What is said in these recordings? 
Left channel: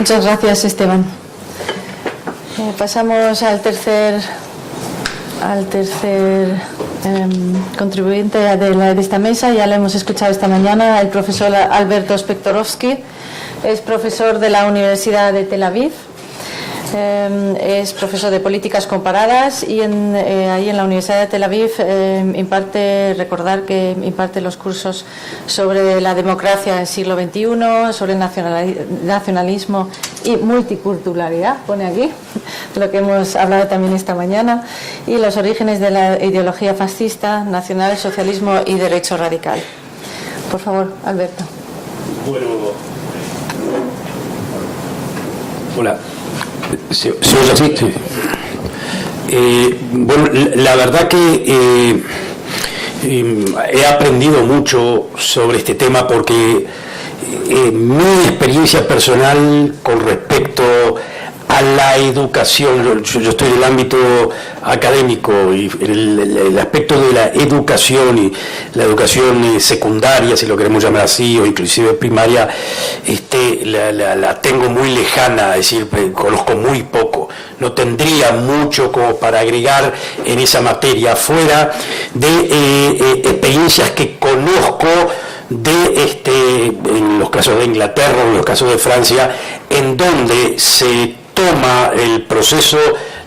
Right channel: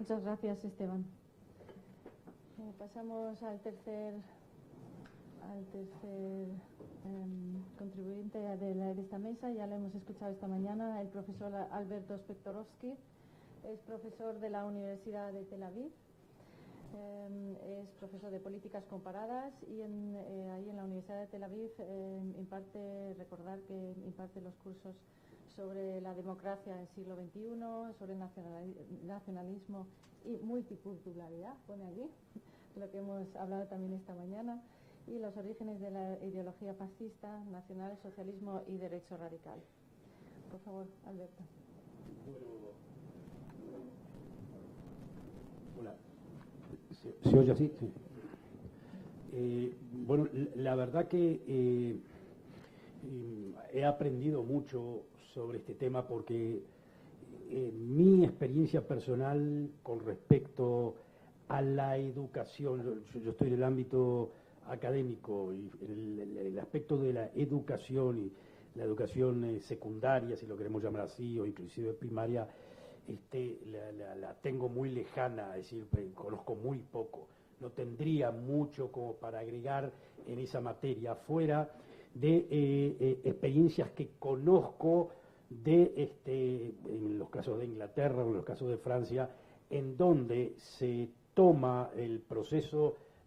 Muchas gracias, Esteban. Pasamos al tercer contribuyente de esta mesa. Ya lo hemos escuchado esta mañana, el profesor Alberto Spektorovsky. Es profesor de la Universidad de Tel Aviv. Es profesor de políticas comparadas y ahí en la Universidad de Tel Aviv recordar que imparte los cursos sobre la democracia del siglo XXI, sobre nacionalismo y multiculturalidad, pone aquí, lo que hemos hablado también esta mañana, y los orígenes de la ideología fascista, nacionalsocialismo y derecho radical. Por favor, Alberto. Bueno, hola. ¿Se oye así? Sí. Bueno, la verdad que he aprendido mucho sobre este tema porque mi experiencia personal con respecto a la educación, yo estoy en el ámbito académico y el aspecto de la educación y la educación secundaria, si lo queremos llamar así, o inclusive primaria, la tengo muy lejana, es decir, conozco muy poco, no tendría mucho como para agregar en esa materia, fuera de experiencias que conozco en los casos de Inglaterra o en los casos de Francia, en donde se toma el proceso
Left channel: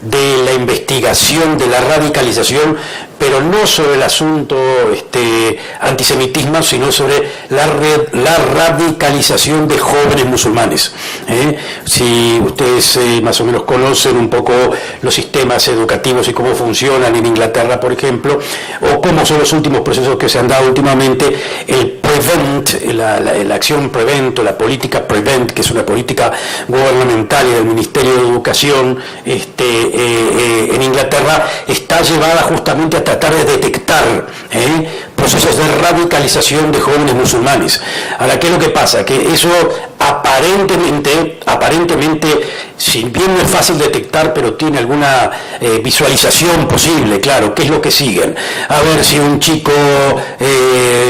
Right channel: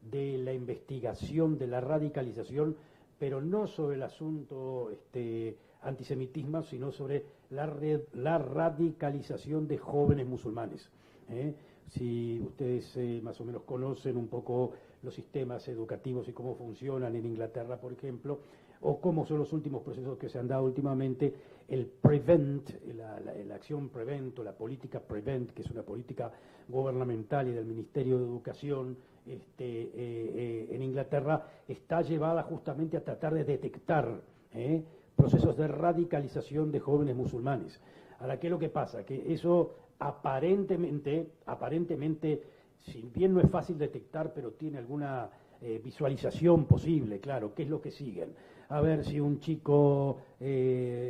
de la investigación, de la radicalización, pero no sobre el asunto antisemitismo, sino sobre la radicalización de jóvenes musulmanes. Si ustedes más o menos conocen un poco los sistemas educativos y cómo funcionan en Inglaterra, por ejemplo, o cómo son los últimos procesos que se han dado últimamente, el PREVENT, la acción PREVENT o la política PREVENT, que es una política gubernamental y del Ministerio de Educación en Inglaterra, está llevada justamente a tratar de detectar procesos de radicalización de jóvenes musulmanes. Ahora, ¿qué es lo que pasa? Que eso aparentemente, si bien no es fácil detectar, pero tiene alguna visualización posible, claro. ¿Qué es lo que siguen? A ver si un chico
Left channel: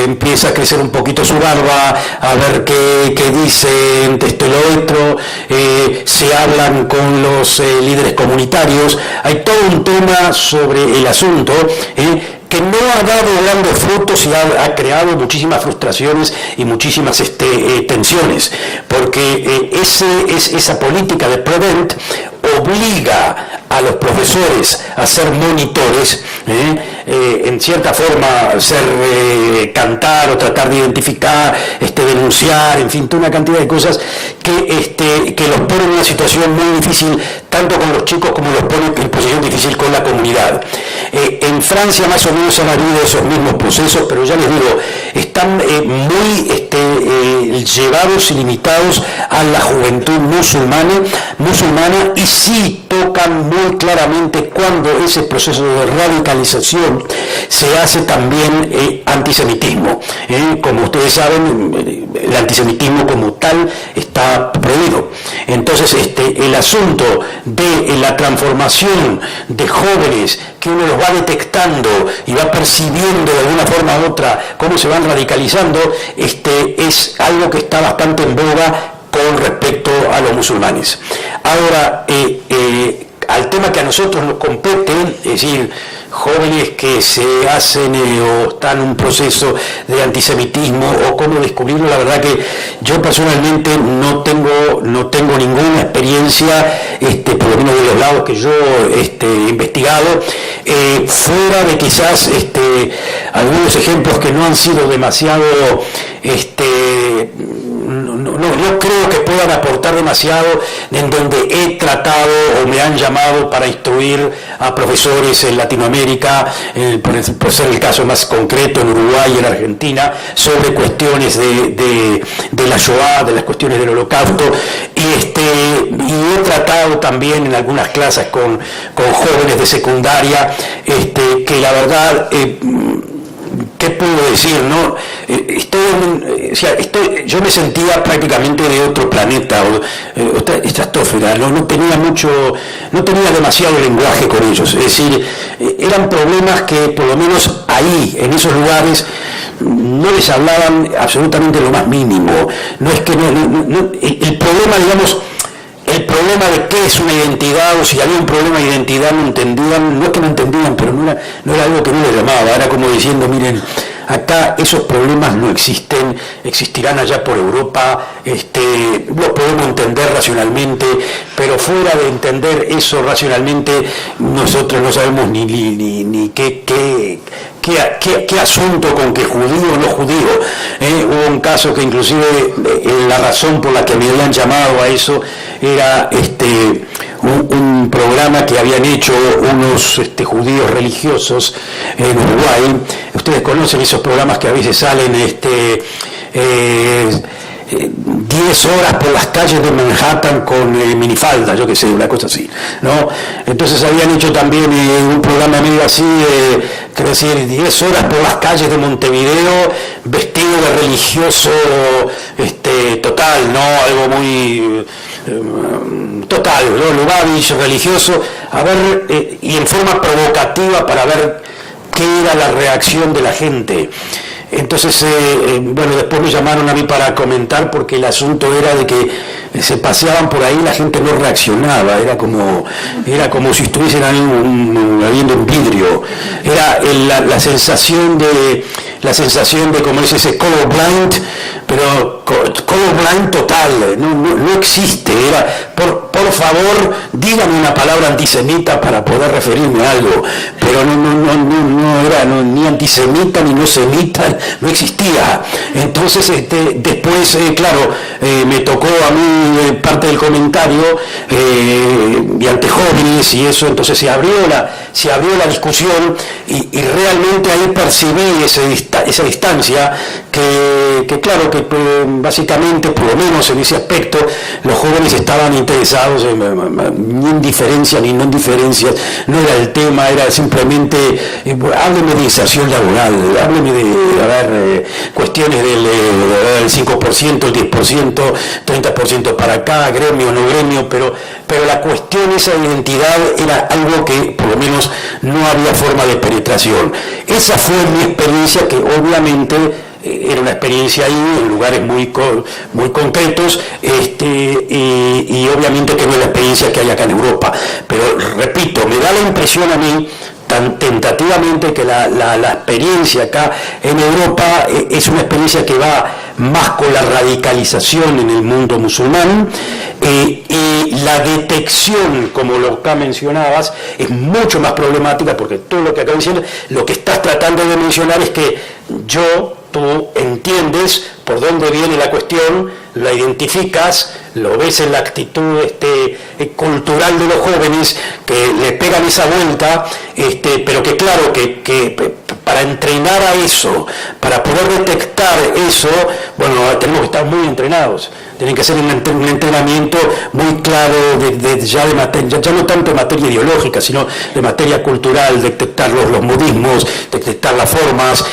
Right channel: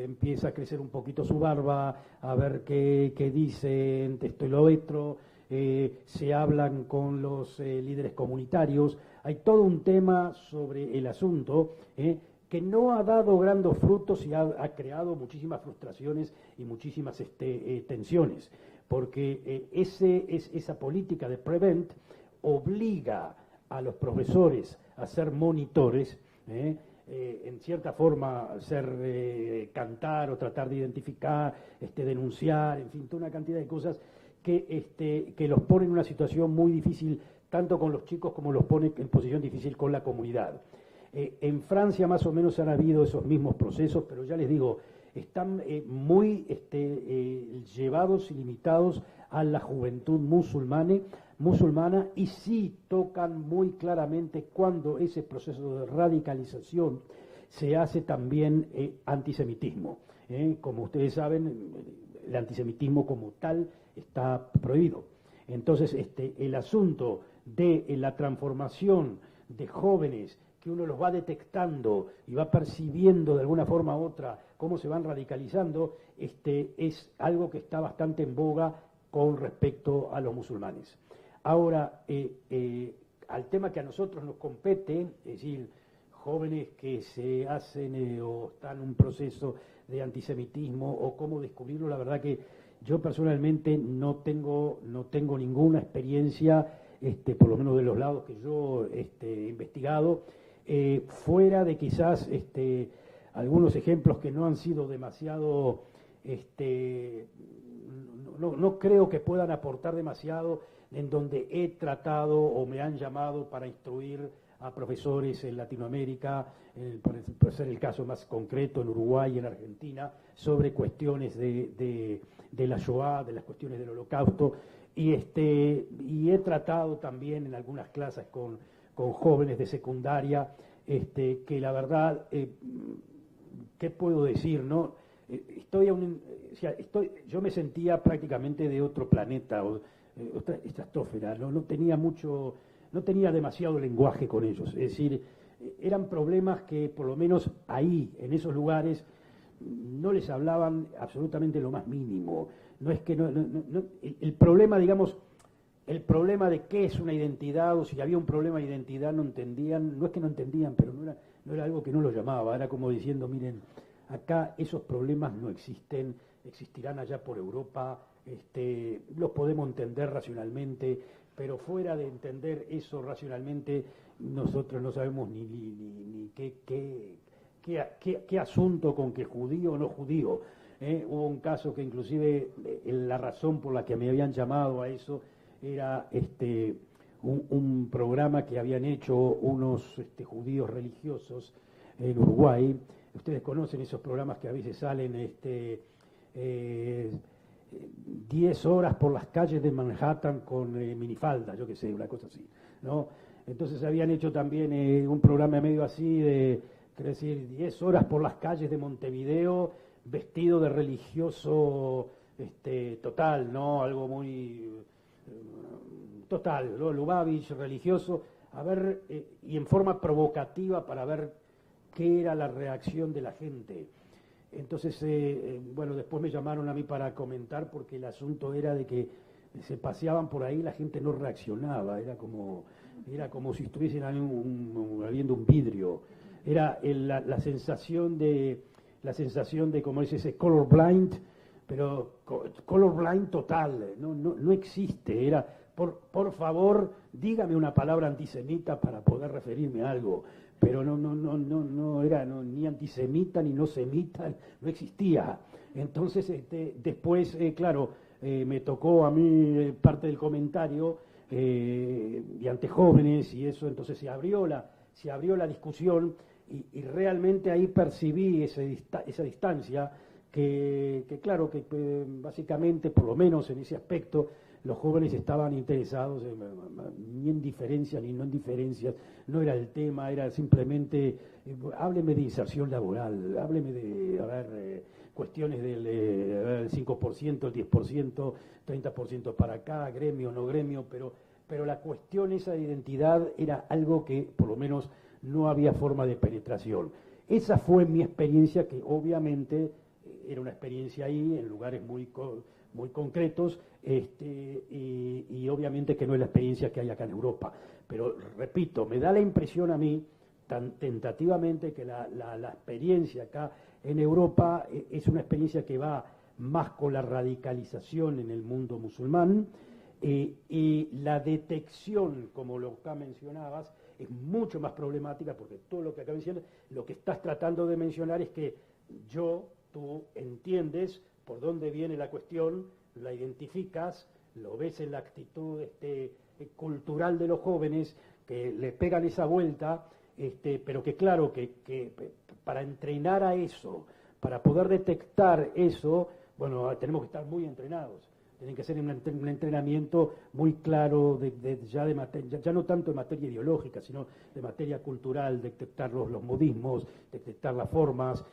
empieza a crecer un poquito su barba, a ver qué dicen esto y lo otro, se hablan con los líderes comunitarios. Hay todo un tema sobre el asunto, que no ha dado grandes frutos y ha creado muchísimas frustraciones y muchísimas tensiones, porque esa política de PREVENT obliga a los profesores a ser monitores, en cierta forma cantar o tratar de identificar, denunciar, en fin, toda una cantidad de cosas que los ponen en una situación muy difícil, tanto con los chicos como los ponen en posición difícil con la comunidad. En Francia más o menos han habido esos mismos procesos, pero ya les digo, están muy llevados y limitados a la juventud musulmana, y sí tocan muy claramente cuando ese proceso de radicalización se hace también antisemitismo. Como ustedes saben, el antisemitismo como tal está prohibido. Entonces, el asunto de la transformación de jóvenes, que uno los va detectando y va percibiendo de alguna forma u otra cómo se van radicalizando, es algo que está bastante en boga con respecto a los musulmanes. Ahora, al tema que a nosotros nos compete, es decir, jóvenes que se hacen o están en un proceso de antisemitismo o cómo descubrirlo, la verdad que yo personalmente no tengo ninguna experiencia, por lo menos de los lados que yo he investigado, fuera de quizás algunos ejemplos que no han sido demasiado, no creo que puedan aportar demasiado, en donde he tratado o me han llamado para instruir a profesores en Latinoamérica, por ser el caso más concreto en Uruguay y en Argentina, sobre cuestiones de la Shoah, de las cuestiones del Holocausto, y he tratado también en algunas clases con jóvenes de secundaria, que la verdad, ¿qué puedo decir? ¿No? Yo me sentía prácticamente de otro planeta, otra estratosfera, no tenía demasiado lenguaje con ellos, es decir, eran problemas que por lo menos ahí, en esos lugares, no les hablaban absolutamente lo más mínimo. No es que el problema, digamos, el problema de qué es una identidad, o si había un problema de identidad, no entendían, no es que no entendían, pero no era algo que no les llamaba, era como diciendo, miren, acá esos problemas no existen, existirán allá por Europa, los podemos entender racionalmente, pero fuera de entender eso racionalmente, nosotros no sabemos ni qué asunto con que judío o no judío. Hubo un caso que inclusive la razón por la que me habían llamado a eso era un programa que habían hecho unos judíos religiosos en Uruguay. Ustedes conocen esos programas que a veces salen 10 horas por las calles de Manhattan con minifalda, yo qué sé, una cosa así, ¿no? Entonces habían hecho también un programa medio así, quiero decir, 10 horas por las calles de Montevideo, vestido de religioso total, ¿no? Algo muy total, ¿no? Lubavitch, religioso, a ver, y en forma provocativa para ver qué era la reacción de la gente. Entonces, bueno, después me llamaron a mí para comentar porque el asunto era de que se paseaban por ahí y la gente no reaccionaba, era como si estuviesen habiendo un vidrio, era la sensación de como dice ese colorblind, pero colorblind total, no existe, era por favor dígame una palabra antisemita para poder referirme a algo, pero no era ni antisemita ni no semita, no existía. Entonces después, claro, me tocó a mí parte del comentario y ante jóvenes y eso, entonces se abrió la discusión y realmente ahí percibí esa distancia que claro, que básicamente, por lo menos en ese aspecto, los jóvenes estaban interesados ni en diferencia ni no en diferencias, no era el tema, era simplemente, hábleme de inserción laboral, hábleme de cuestiones del 5%, el 10%, 30% para acá, gremio, no gremio, pero la cuestión esa de identidad era algo que por lo menos no había forma de penetración. Esa fue mi experiencia, que obviamente era una experiencia ahí en lugares muy concretos, y obviamente que no es la experiencia que hay acá en Europa, pero repito, me da la impresión a mí tan tentativamente que la experiencia acá en Europa es una experiencia que va más con la radicalización en el mundo musulmán, y la detección, como lo que mencionabas, es mucho más problemática, porque todo lo que acabo diciendo, lo que estás tratando de mencionar es que tú entiendes por dónde viene la cuestión, la identificas, lo ves en la actitud cultural de los jóvenes que le pegan esa vuelta, pero que claro, que para entrenar a eso, para poder detectar eso, bueno, tenemos que estar muy entrenados. Tienen que hacer un entrenamiento muy claro ya no tanto de materia ideológica, sino de materia cultural, detectar los modismos, detectar las formas,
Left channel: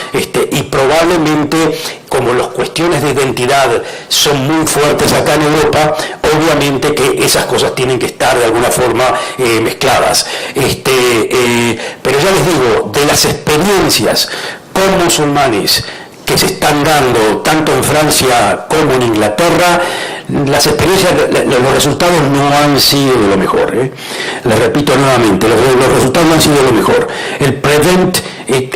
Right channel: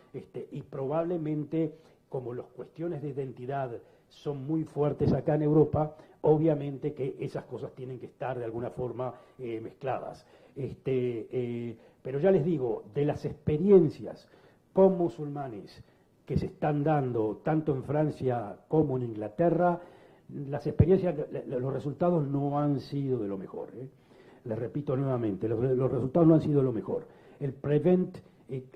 y probablemente, como las cuestiones de identidad son muy fuertes acá en Europa, obviamente que esas cosas tienen que estar de alguna forma mezcladas. Pero ya les digo, de las experiencias con musulmanes que se están dando tanto en Francia como en Inglaterra, las experiencias, los resultados no han sido de lo mejor. Les repito nuevamente, los resultados no han sido de lo mejor. El Prevent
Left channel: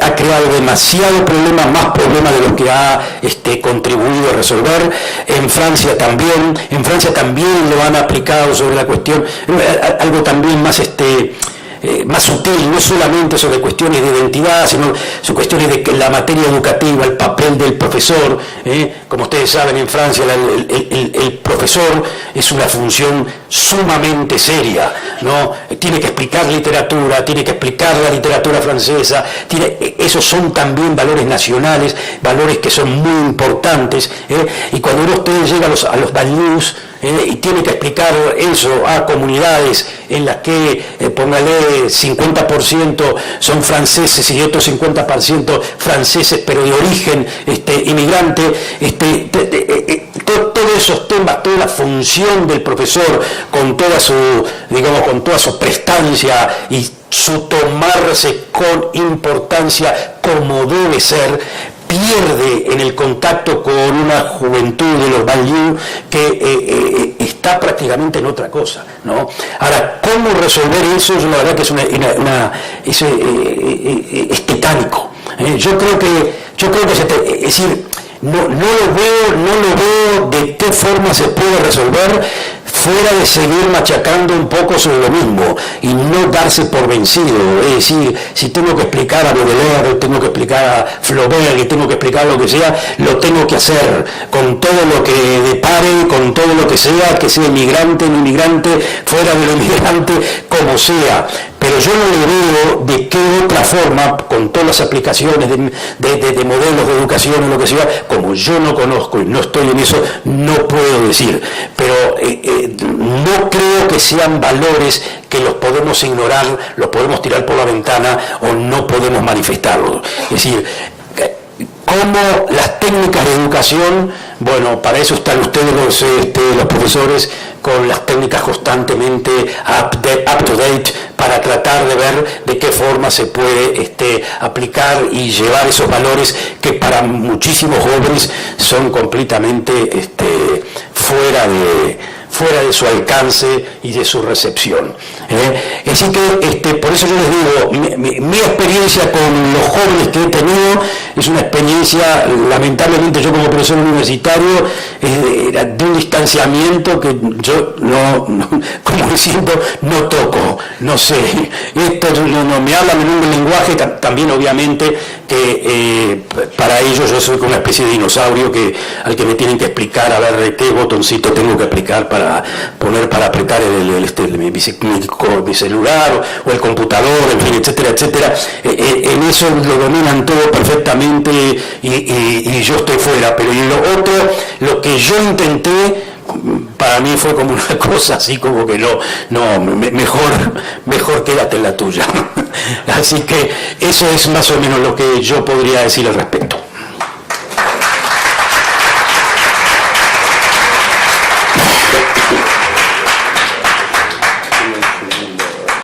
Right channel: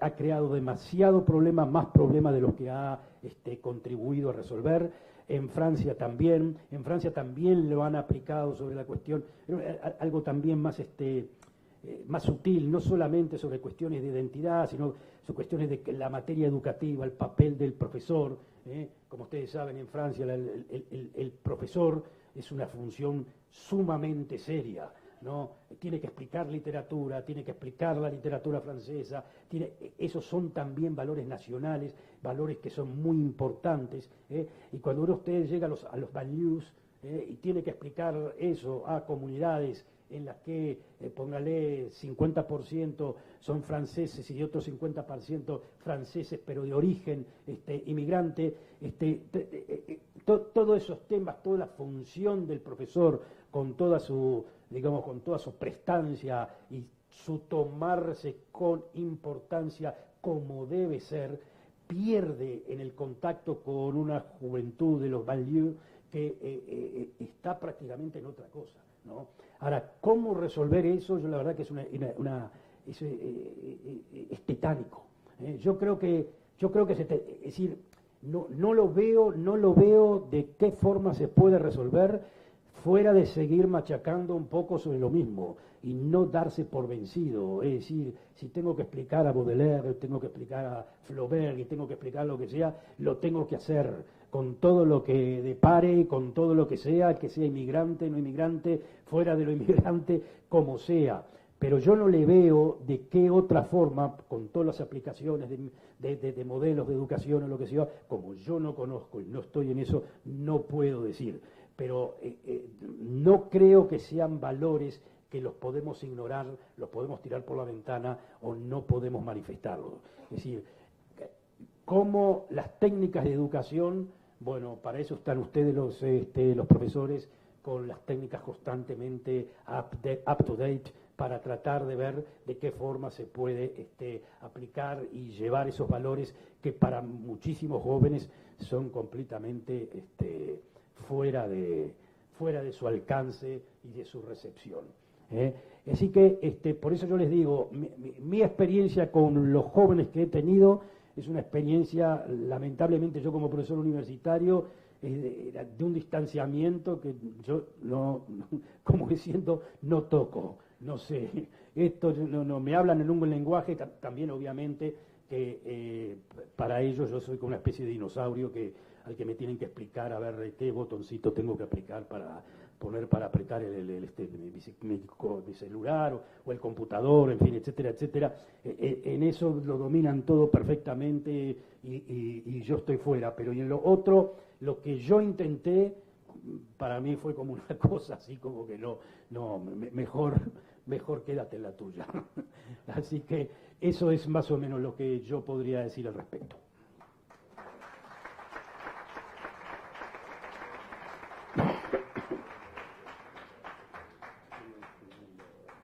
ha creado demasiado problemas, más problemas de los que ha contribuido a resolver. En Francia también lo han aplicado sobre la cuestión, algo también más más sutil, no solamente sobre cuestiones de identidad, sino sobre cuestiones de la materia educativa, el papel del profesor. Como ustedes saben, en Francia el profesor es una función sumamente seria, ¿no? Tiene que explicar literatura, tiene que explicar la literatura francesa, esos son también valores nacionales, valores que son muy importantes, y cuando ustedes llegan a los banlieues, y tiene que explicar eso a comunidades en las que, póngale, 50% son franceses y otros 50% franceses pero de origen inmigrante, todos esos temas, toda la función del profesor con toda su prestancia y su tomarse con importancia como debe ser, pierde en el contacto con una juventud de los banlieues que está está prácticamente en otra cosa, ¿no? Ahora, ¿cómo resolver eso? Yo la verdad que es titánico. Yo creo que es decir, no lo veo de qué forma se puede resolver fuera de seguir machacando un poco sobre lo mismo y no darse por vencido. Es decir, si tengo que explicar a Baudelaire, tengo que explicar a Flaubert, y tengo que explicar lo que sea, lo tengo que hacer con todo lo que depare, con todo lo que sea inmigrante, no inmigrante, fuera de lo inmigrante, como sea. Pero yo no le veo de qué otra forma, con todas las aplicaciones de modelos de educación o lo que sea, como yo no conozco y no estoy en eso, no puedo decir. Pero no creo que sean valores que los podemos ignorar, los podemos tirar por la ventana o no podemos manifestarlos. Es decir, como las técnicas de educación, bueno, para eso están ustedes los profesores con las técnicas constantemente up to date para tratar de ver de qué forma se puede aplicar y llevar esos valores que para muchísimos jóvenes son completamente fuera de su alcance y de su recepción. Así que por eso yo les digo, mi experiencia con los jóvenes que he tenido es una experiencia, lamentablemente yo como profesor universitario, de un distanciamiento que yo como diciendo, no toco, no sé, esto no me hablan en un lenguaje también obviamente que para ellos yo soy como una especie de dinosaurio al que me tienen que explicar a ver qué botoncito tengo que aplicar para apretar mi celular o el computador, en fin, etcétera, etcétera. En eso lo dominan todo perfectamente y yo estoy fuera. Pero en lo otro, lo que yo intenté, para mí fue como una cosa así como que mejor quédate en la tuya. Así que eso es más o menos lo que yo podría decir al respecto.